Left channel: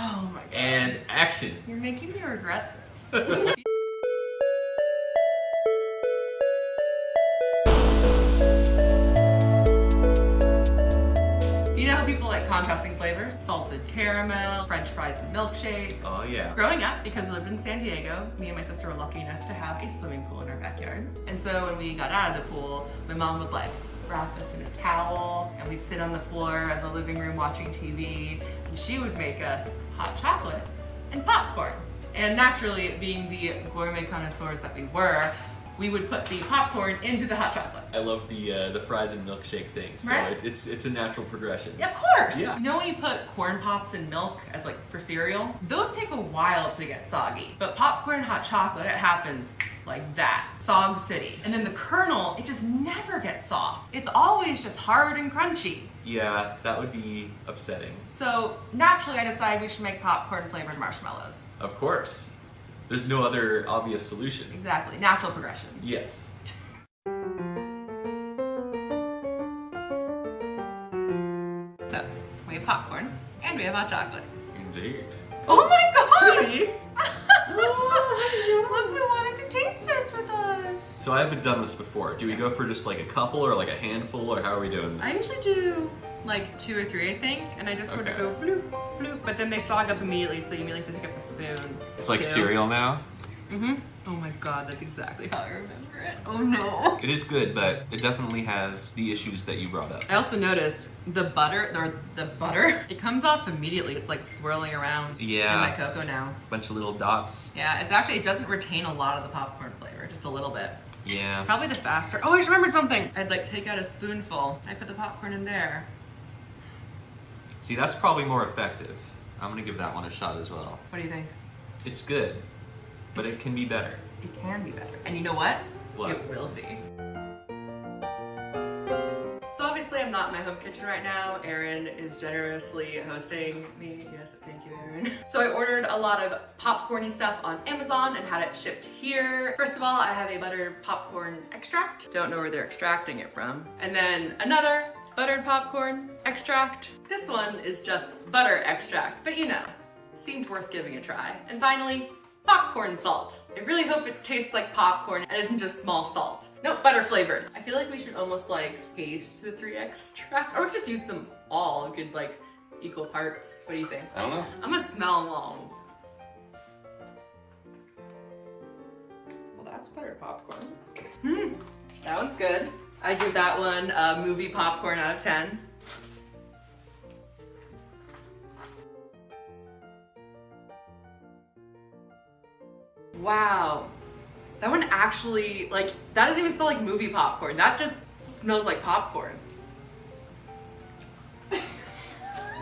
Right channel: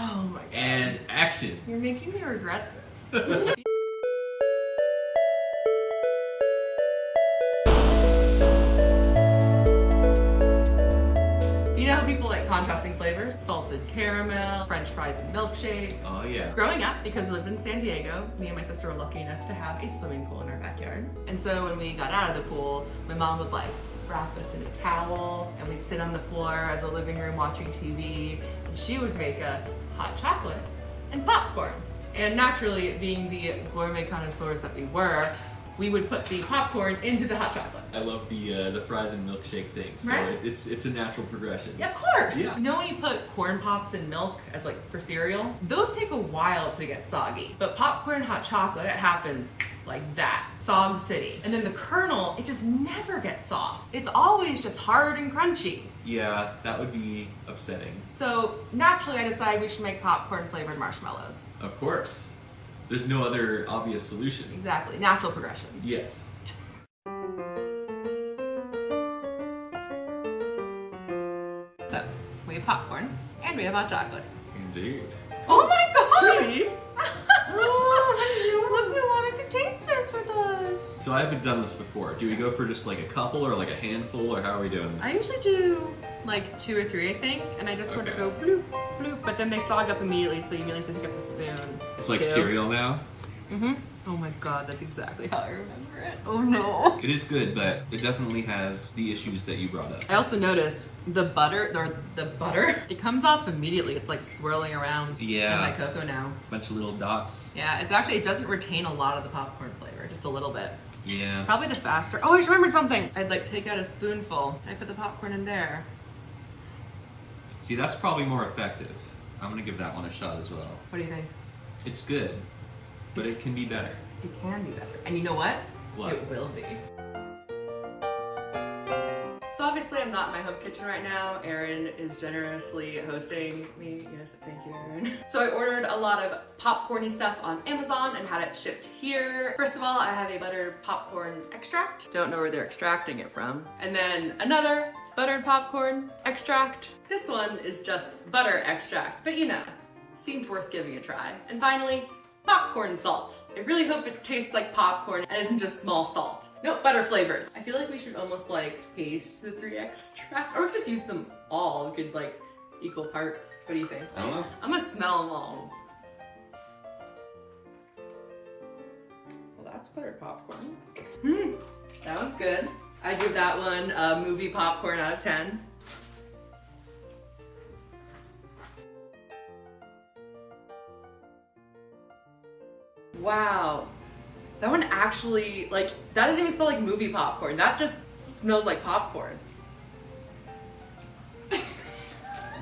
Oh my god. And action. You're making me regret this. You know how people like contrasting flavors? Salted caramel, French fries and milkshakes. Oh yeah. Growing up, because we lived in San Diego, me and my sister were lucky enough to have a swimming pool in our backyard. And so when we got out of the pool, my mom would like wrap us in a towel and we'd sit on the floor of the living room watching TV, and she would make us hot chocolate and popcorn. And naturally, being the gourmet connoisseurs that we were, we would put the popcorn into the hot chocolate. I love the fries and milkshake thing. So Right? it's a natural progression. Yeah, of course. Yeah. You know when you put corn pops in milk as like for cereal? Those take a while to get soggy. But popcorn hot chocolate, it happens like that. Sog City. And then the kernel, it just never gets soft. It's always just hard and crunchy. Yeah, that would be upsetting. So naturally I decided we should make popcorn flavored marshmallows. Of course. There's no other obvious solution. Exactly, natural progression. Yes. So we have popcorn and we have hot chocolate. Indeed. Oh my god! See? Look, we wanted to taste test with us. So I haven't done this before. Do we go for just like a couple or like a handful, or how are we doing this? I usually do like 2 or 3, I think, and I just sort of go bloop, bloop, but then they sog up immediately, so you immediately have to pick up the spoon. It's like too. cereal now. Mm-hmm. Oh my god, that's exactly how I remember it. Oh no. It is good, but it definitely has the issues that you brought up. I also noticed the butter, it comes off immediately. It's like swirling around Yeah. in my cocoa now. Bunch of little dots. Yeah, it doesn't retain a lot of the popcorn flavor, just a little bit. Yeah. Probably the faster. Oh, I just remembered something. I'd like take out a spoonful. I put the popcorn in there. See, that's probably more effective. I'm gonna give that one a shot as well. What do you think? It's good, but it can be better. It can be better. And you know what? What? It will be. So obviously I'm not in my home kitchen right now. Erin is generously hosting me. Yes, thank you, Erin. So I ordered a lot of popcorny stuff on Amazon and had it shipped here. First of all, I have a buttered popcorn extract. Don't know where they're extracting it from. And then another buttered popcorn extract. This one is just butter extract, but you know, seemed worth giving a try. And finally, popcorn salt. I really hope it tastes like popcorn and isn't just small salt. Nope, butter flavored. I feel like we should almost like taste the 3 extracts, or just use them all. We could like equal parts. What do you think? I don't know. I'm gonna smell them all. Well, that's buttered popcorn. That one's good. I give that one a movie popcorn out of 10. Wow. That one actually, like, that doesn't even smell like movie popcorn. That just smells like popcorn.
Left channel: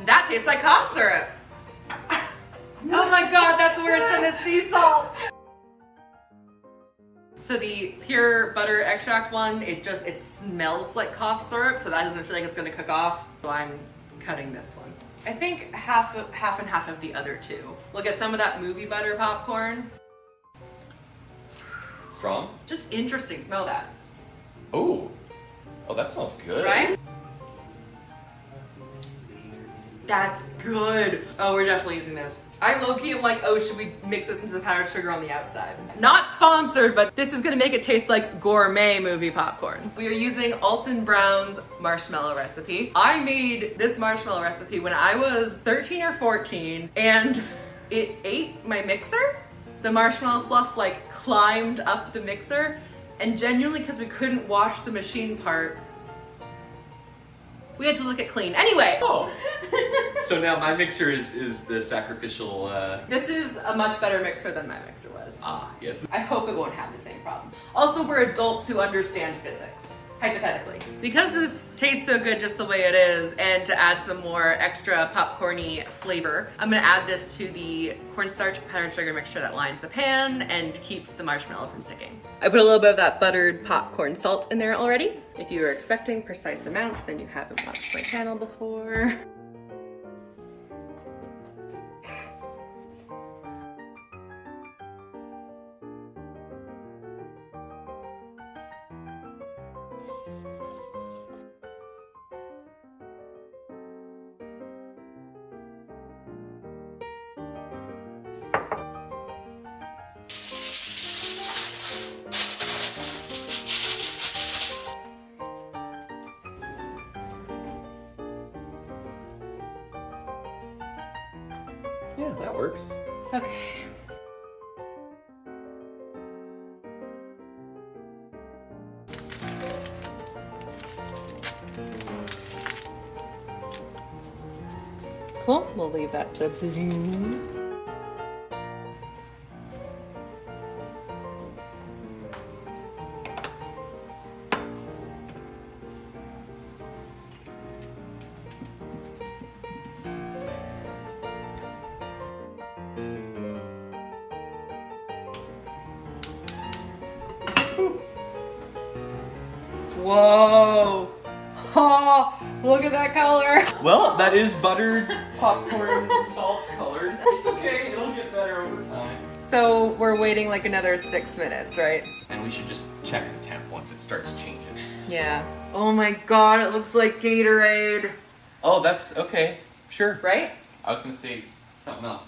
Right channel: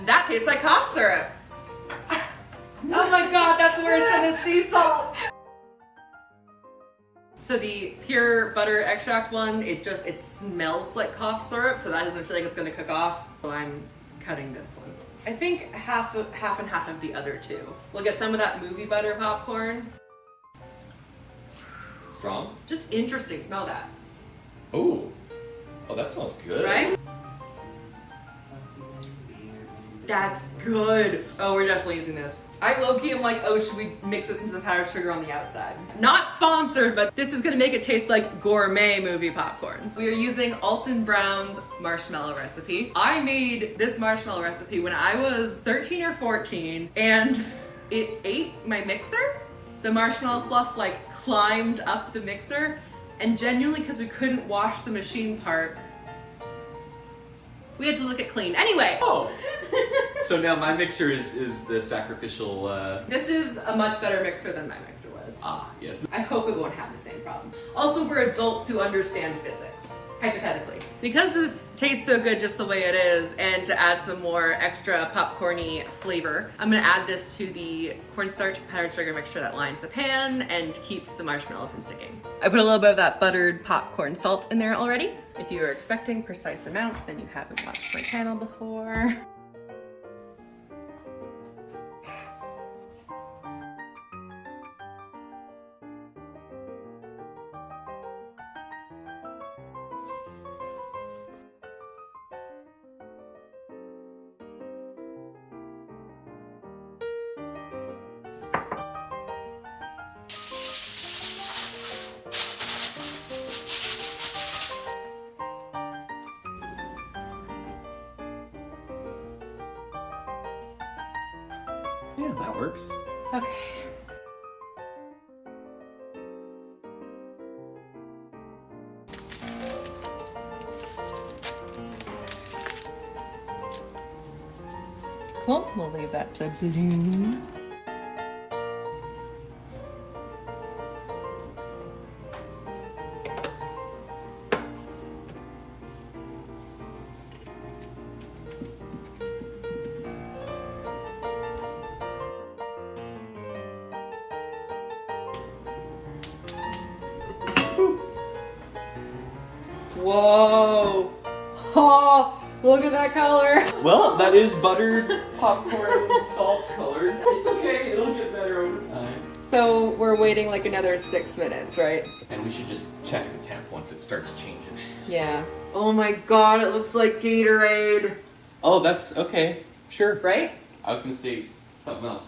That tastes like cough syrup. Oh my god, that's worse than the sea salt. So the pure butter extract one, it smells like cough syrup, so that doesn't feel like it's gonna cook off. So I'm cutting this one. I think half and half of the other two. We'll get some of that movie butter popcorn. Strong? Just interesting, smell that. Oh. Oh, that smells good. Right? That's good. Oh, we're definitely using this. I low-key am like, oh, should we mix this into the powdered sugar on the outside? Not sponsored, but this is gonna make it taste like gourmet movie popcorn. We are using Alton Brown's marshmallow recipe. I made this marshmallow recipe when I was 13 or 14, and it ate my mixer. The marshmallow fluff like climbed up the mixer, and genuinely, because we couldn't wash the machine part, we had to lick it clean. Anyway. Oh. So now my mixer is the sacrificial, This is a much better mixer than my mixer was. Ah, yes. I hope it won't have the same problem. Also, we're adults who understand physics, hypothetically. Because this tastes so good just the way it is, and to add some more extra popcorny flavor, I'm gonna add this to the cornstarch powdered sugar mixture that lines the pan and keeps the marshmallow from sticking. I put a little bit of that buttered popcorn salt in there already. If you were expecting precise amounts, then you haven't watched my channel before. Yeah, that works. Okay. Cool, we'll leave that to blue. Whoa! Oh, look at that color! Well, that is buttered popcorn salt colored. It's okay, it'll get better over time. So we're waiting like another 6 minutes, right? And we should just check the temp once it starts changing. Yeah. Oh my god, it looks like Gatorade. Oh, that's okay. Sure. Right? I was gonna say something else.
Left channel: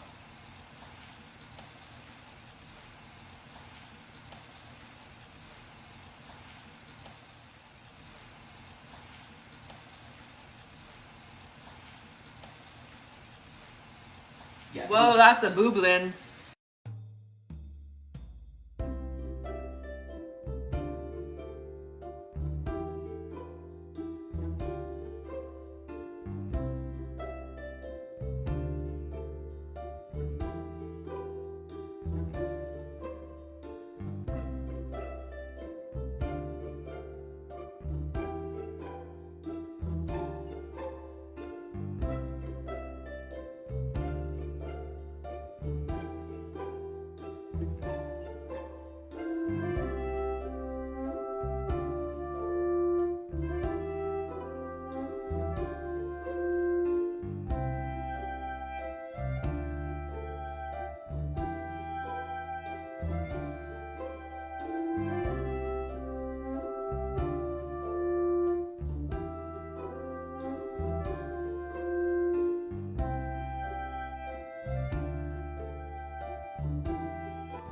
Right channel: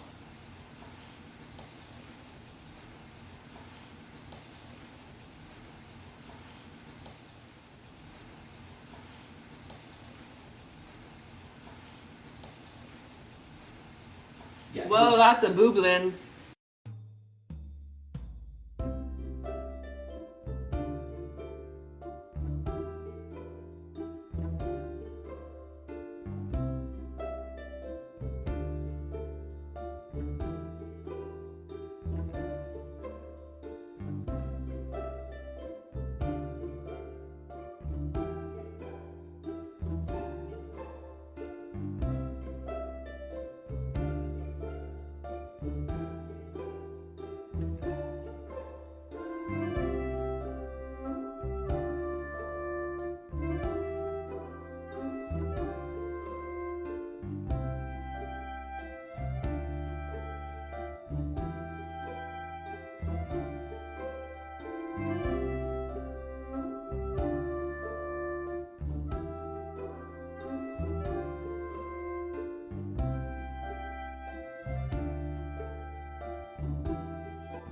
Yeah, Whoa, that's a booblin.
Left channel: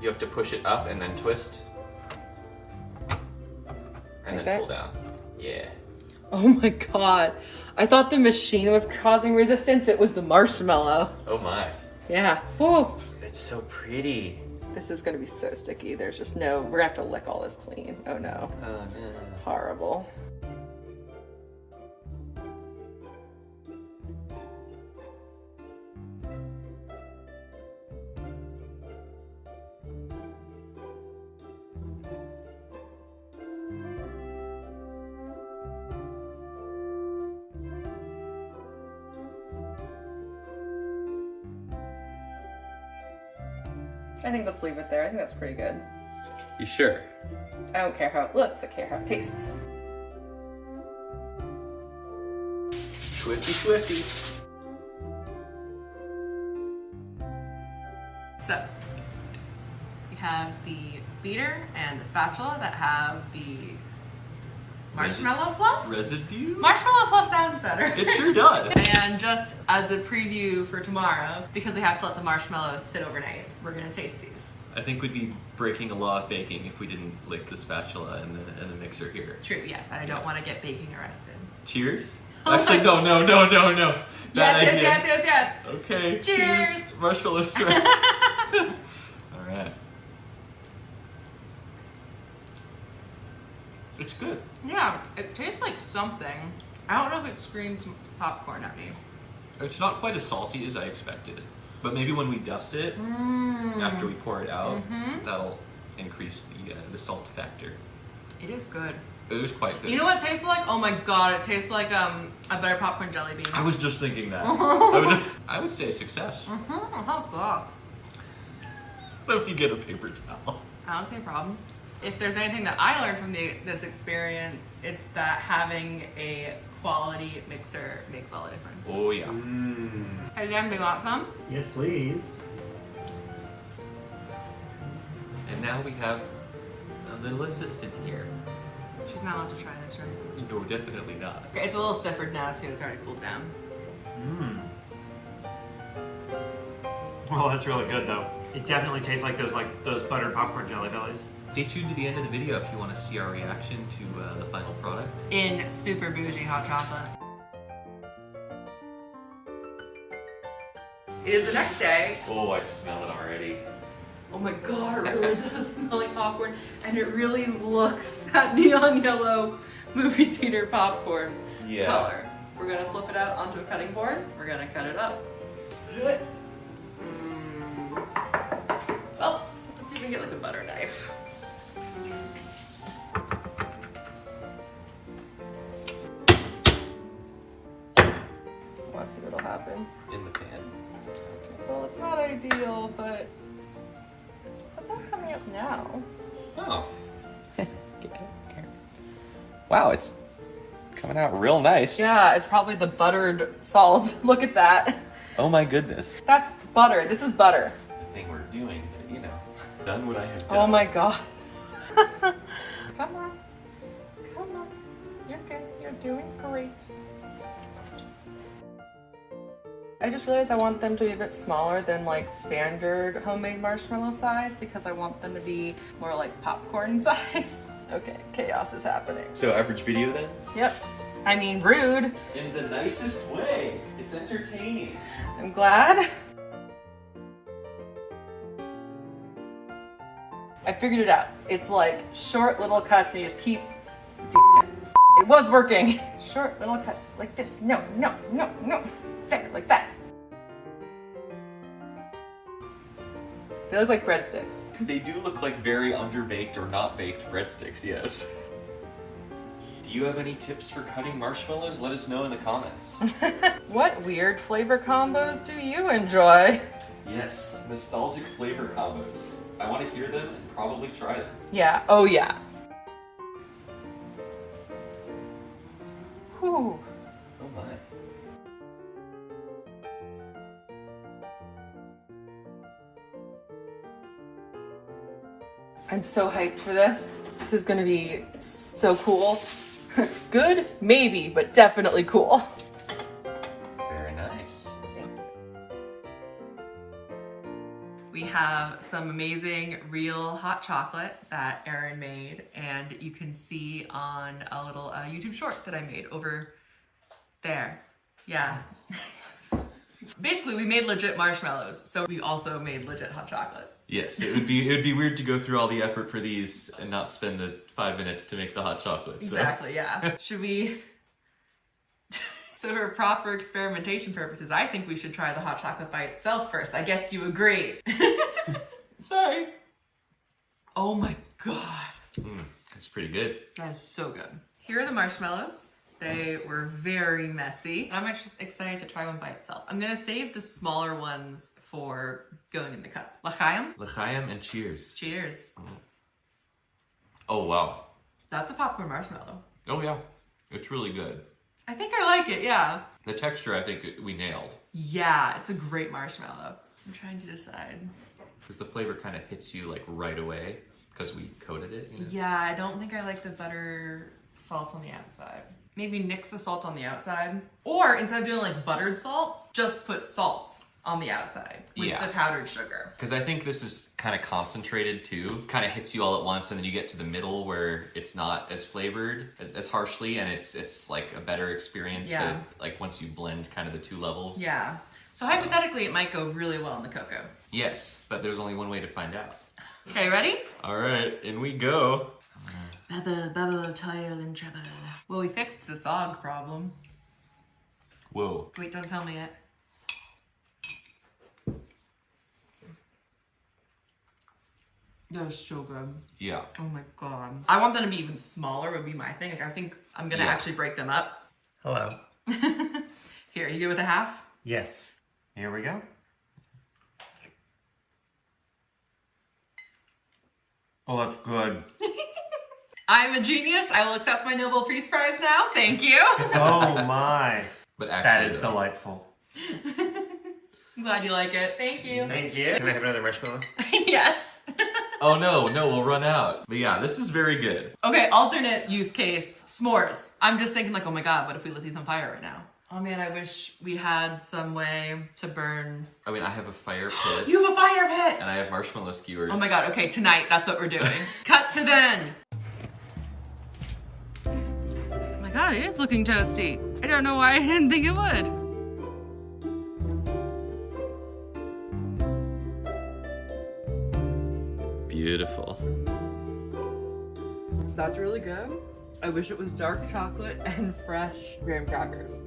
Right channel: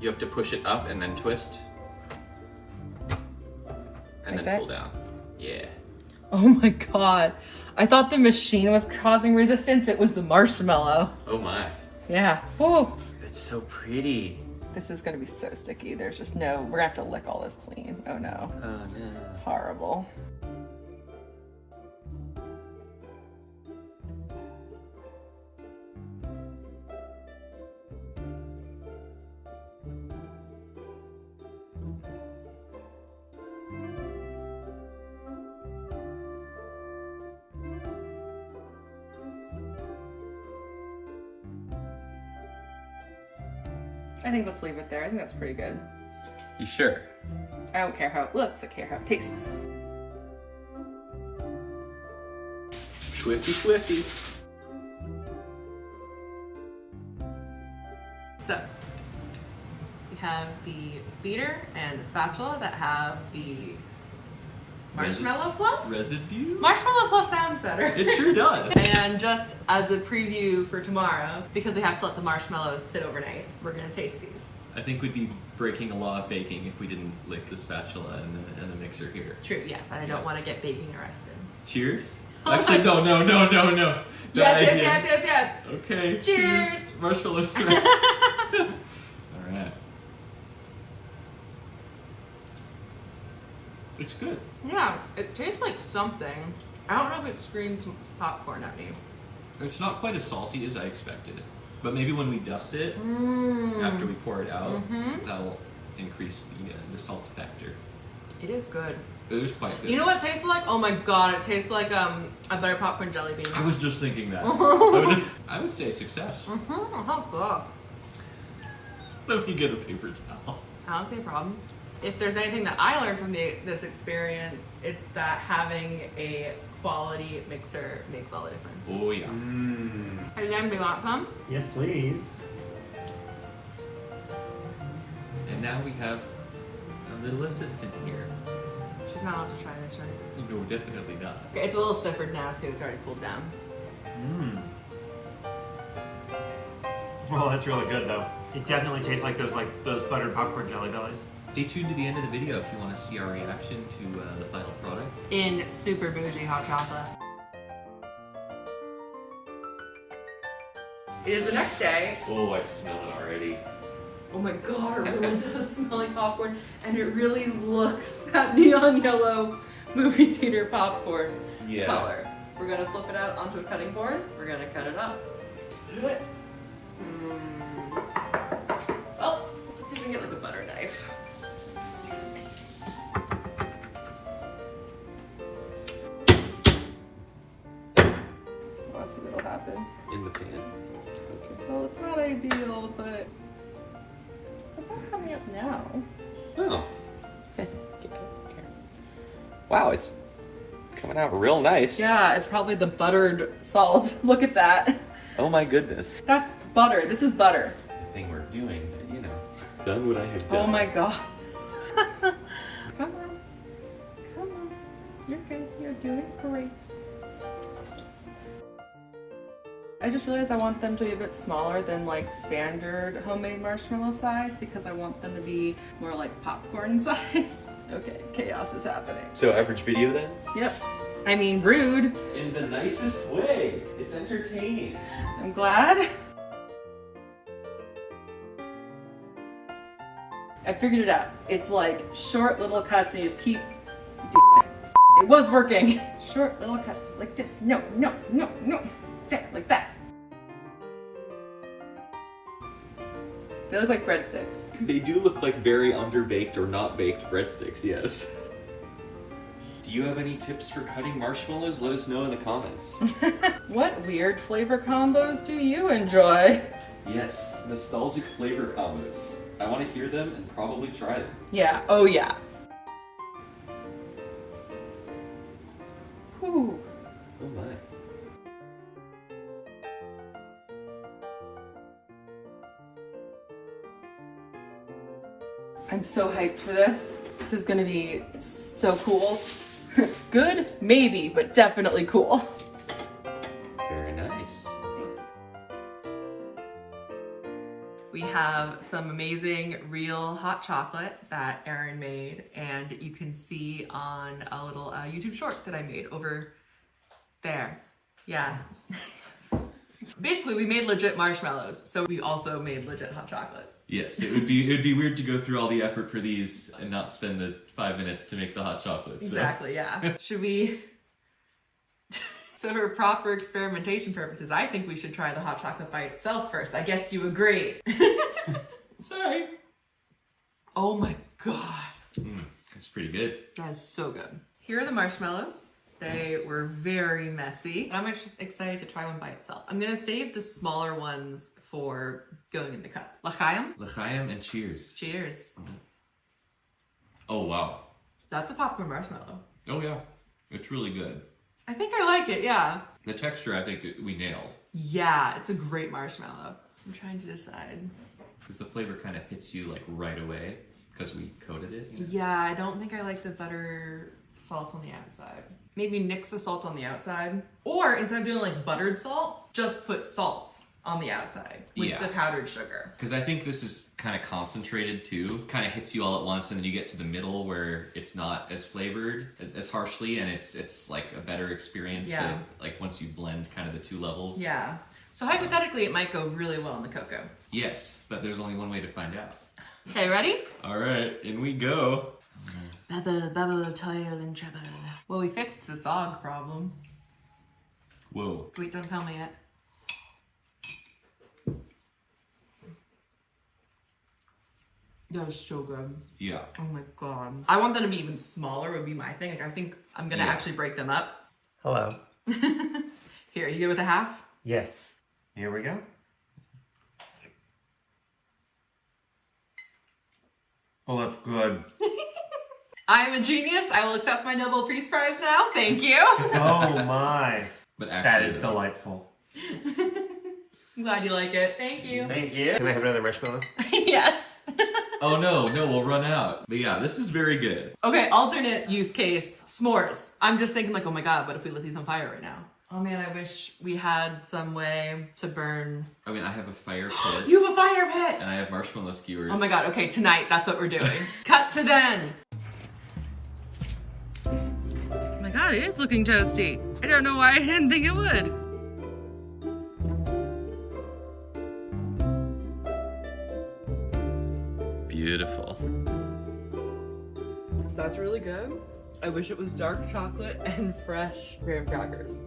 You have to push it up and then twist. And Like then that? pull down. Yeah. Oh my god. I thought the machine was causing resistance, it was the marshmallow. Oh my. Yeah. Whoa. It's so pretty. This is gonna be so sticky. There's just no, we're gonna have to lick all this clean. Oh no. Oh no. Horrible. I think let's leave it there. I think that's pretty good. You sure? I don't care how it looks, I care how it tastes. Swifty, swifty. So, we have the beater and the spatula that have the marshmallow fluff. Residue? Marshmallow fluff sounds better. It sure does. And just as a preview for tomorrow, because we have to let the marshmallows sit overnight, we're gonna taste these. I think we'd be breaking a law of baking if we didn't lick the spatula and the mixer here. True, yes, and I don't want to get baking arrested. Cheers? Oh Actually, my- no. Yes. Okay, Cheers. Marshmallow stretch. All right. It's good. Yeah, it tastes like something. I don't know if it screams popcorn at me. It's not quite as salty as I expected, but maybe when we dust it, after we pour it out, that'll increase the salt factor. It is good. It was quite good. You know what it tastes like? Oh my god, it tastes like a butter popcorn jelly bean. I was just thinking that. I would say success. Oh, Let me get a paper towel. I don't see a problem. If there's anything that I learned from this experience, it's that having a quality mixer makes all the difference. Oh yeah. Hey Jen, do you want some? Yes, please. And now we have a little assistant here. She's not allowed to try this, right? No, definitely not. It's a little stiffered now too, it's already cooled down. Well, that's really good though. It definitely tastes like those buttered popcorn jelly bellies. Stay tuned to the end of the video if you want to see our reaction to the final product. In super bougie hot chocolate. It is the next day. Oh, I smell it already. Oh my god, it really does smell like popcorn. And it really looks that neon yellow movie theater popcorn color. We're gonna flip it out onto a cutting board. We're gonna cut it up. Well, let's see if we can get like a butter knife. Let's see what'll happen. In the pan. Okay. Well, it's not ideal, but so it's not coming up now. Oh. Wow, it's coming out real nice. Yeah, it's probably the buttered salt. Look at that. Oh my goodness. That's butter. This is butter. The thing we're doing, you know. Done what I have done. Oh my god. Come on. Come on. You're good. You're doing great. I just realized I want them to be a bit smaller than like standard homemade marshmallow size because I want them to be more like popcorn size. Okay, chaos is happening. So average video then? Yep. I mean, rude. In the nicest way. It's entertaining. I'm glad. I figured it out. It's like short little cuts and you just keep... It was working. Short little cuts like this. No, no, no, no. There, like that. They look like breadsticks. They do look like very underbaked or not baked breadsticks, yes. Do you have any tips for cutting marshmallows? Let us know in the comments. What weird flavor combos do you enjoy? Yes, nostalgic flavor combos. I want to hear them and probably try them. Yeah, oh yeah. Whew. Oh my. I'm so hyped for this. This is gonna be so cool. Good? Maybe, but definitely cool. Very nice. We have some amazing real hot chocolate that Erin made, and you can see on a little YouTube short that I made over there. Yeah. Basically, we made legit marshmallows, so we also made legit hot chocolate. Yes, it would be weird to go through all the effort for these and not spend the 5 minutes to make the hot chocolate. So. Exactly, yeah. Should we... So for proper experimentation purposes, I think we should try the hot chocolate by itself first. I guess you agree. Sorry. Oh my god. That's pretty good. That is so good. Here are the marshmallows. They were very messy. I'm just excited to try one by itself. I'm gonna save the smaller ones for going in the cup. L'chaim? L'chaim and cheers. Cheers. Oh wow. That's a popcorn marshmallow. Oh yeah, it's really good. I think I like it, yeah. The texture, I think we nailed. Yeah, it's a great marshmallow. I'm trying to decide. Because the flavor kind of hits you like right away because we coated it. You know? Yeah, I don't think I like the butter salt on the outside. Maybe nix the salt on the outside. Or instead of doing like buttered salt, just put salt on the outside with the powdered sugar. Because I think this is kind of concentrated too. Kind of hits you all at once, and then you get to the middle where it's not as flavored as harshly, and it's like a better experience. Yeah. But, like once you blend kind of the two levels. Yeah. So hypothetically, it might go really well in the cocoa. Yes, but there's only one way to find out. Okay, ready? All right, in we go. Bubble, bubble, toil and trouble. Well, we fixed the sog problem. Whoa. Wait, don't tell me yet. That was so good. Yeah. Oh my god. I want them to be even smaller would be my thing. Like, I think I'm gonna actually break them up. Hello. Here, you good with a half? Yes. Here we go. Oh, that's good. I'm a genius. I will accept my Nobel Peace Prize now. Thank you. Oh my. But actually, That is delightful. I'm glad you like it. Thank you. Thank you. Can I have another marshmallow? Yes. Oh no, we'll run out. But yeah, this is very good. Okay, alternate use case, s'mores. I'm just thinking like, oh my god, what if we lit these on fire right now? Oh man, I wish we had some way to burn. I mean, I have a fire pit. You have a fire pit! And I have marshmallow skewers. Oh my god, okay, tonight, that's what we're doing. Cut to then. Oh my god, it is looking toasty. I don't know why I didn't think it would. Beautiful. That's really good. I wish it was dark chocolate and fresh graham crackers.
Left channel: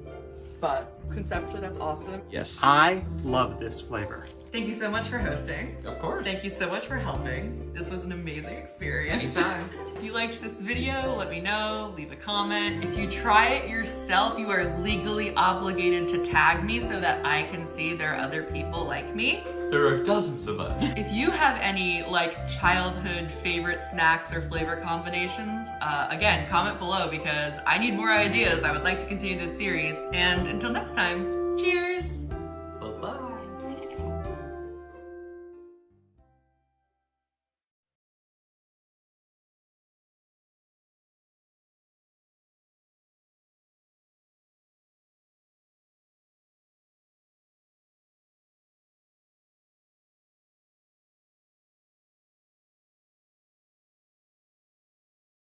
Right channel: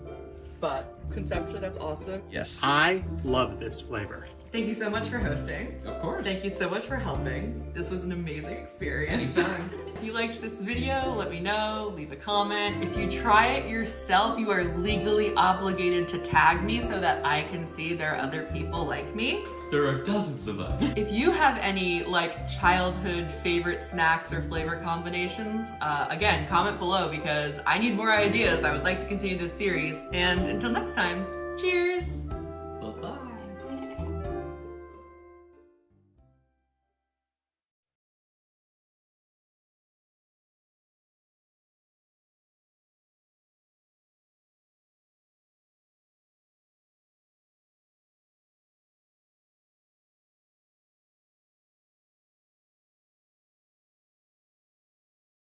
But conceptually, that's awesome. Yes. I love this flavor. Thank you so much for hosting. Of course. Thank you so much for helping. This was an amazing experience. Anytime. If you liked this video, let me know, leave a comment. If you try it yourself, you are legally obligated to tag me so that I can see there are other people like me. There are dozens of us. If you have any like childhood favorite snacks or flavor combinations, again, comment below because I need more ideas. I would like to continue this series. And until next time, cheers!